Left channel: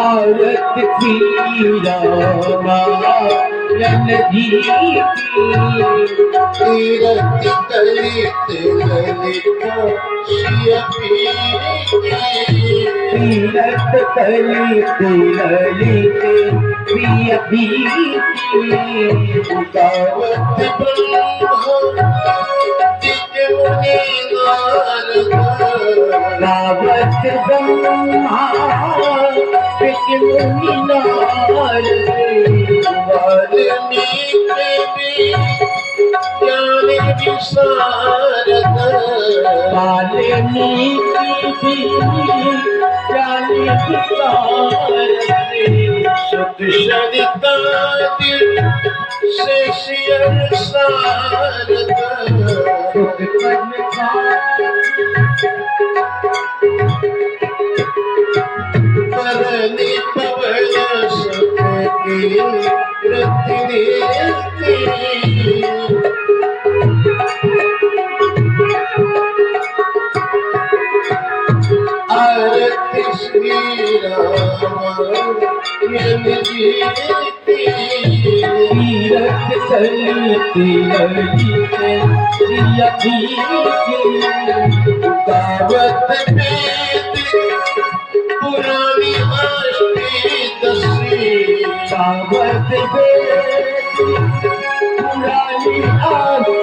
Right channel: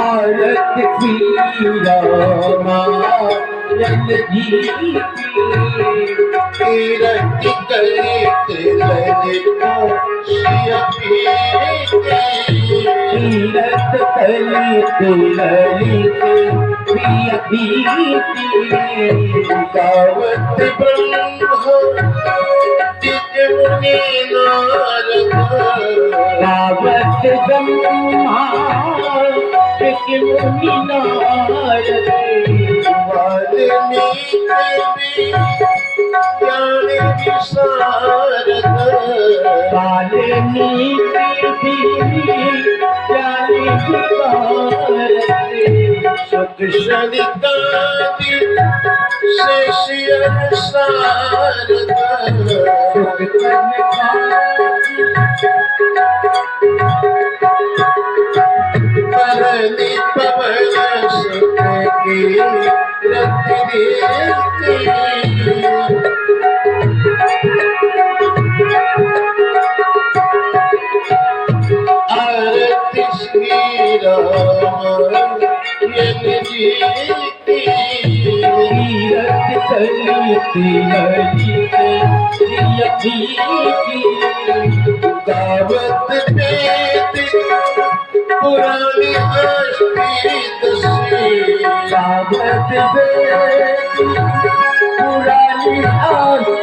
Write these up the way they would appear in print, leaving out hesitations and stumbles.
औरत की रामायण जी तीरथ कलित ललित तीरथ कलित ललित प्रिय भीति गावत ब्रह्मा दिव्य मुनि नारद गावत ब्रह्मा दिव्य मुनि नारद वाल्मीकि ज्ञान विशारद वाल्मीकि ज्ञान विशारद सुख सरितादि शेषियर शारद सुख परनि पवन सुख की रति आरती श्री रामायण जी तीरथ कलित ललित प्रिय भीति गावत वेद पुरानी अष्टदशी गावत वेद पुरानी आदि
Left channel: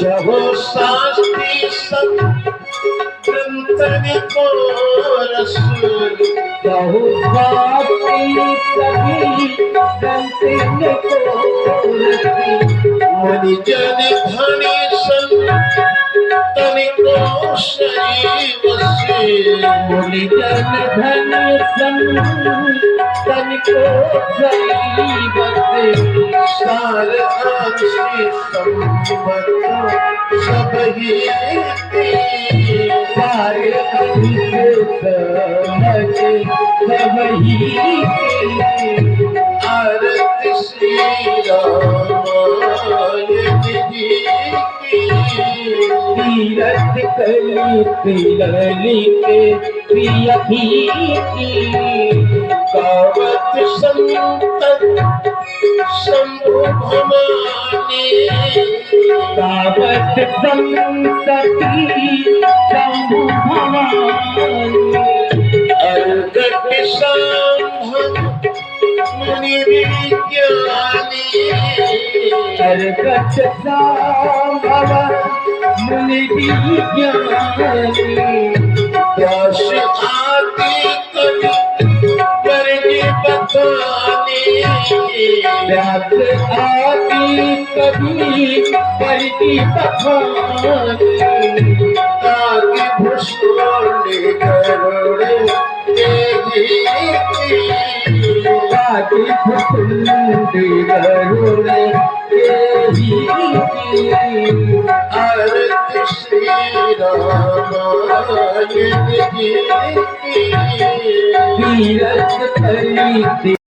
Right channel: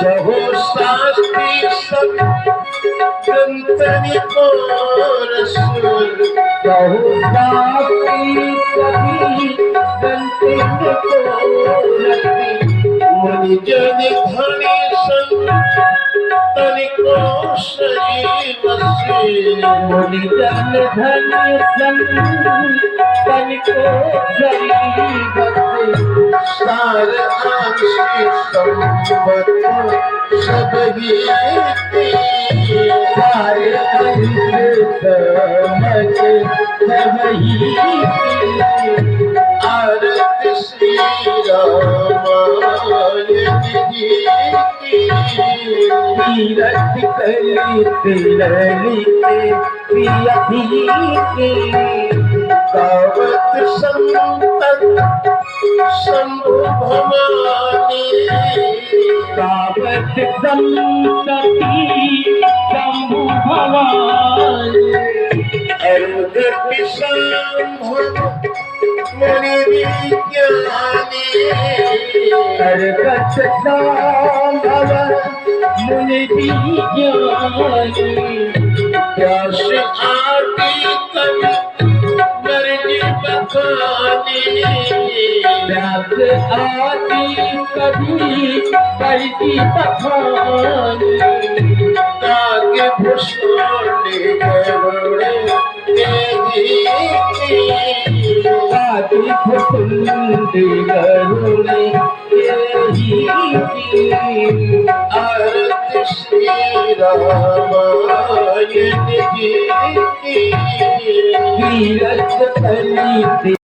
जहो शास्त्री सब ग्रंथनि को रसूल बहुभागी कभी गंते मुनि जन धनी संतनि को शरीवसी मुनि जन धन संतन को सार आंशी संपत सब ही सारे अंश समझ सब ही आरती श्री रामायण जी तीरथ कलित ललित प्रिय भीति गावत संतन शंभु भवानी गावत संतति शंभु भवानी अर्घ पिशाम्भ मुनि विज्ञानी अर्घट संभव मुनि विज्ञानी व्यास आदि कवि वर्णि बखानी व्यास आदि कवि करती बखानी नाग भूषण गरुड़ आदि फुकुंद गरुड़ आरती श्री रामायण जी तीरथ कलित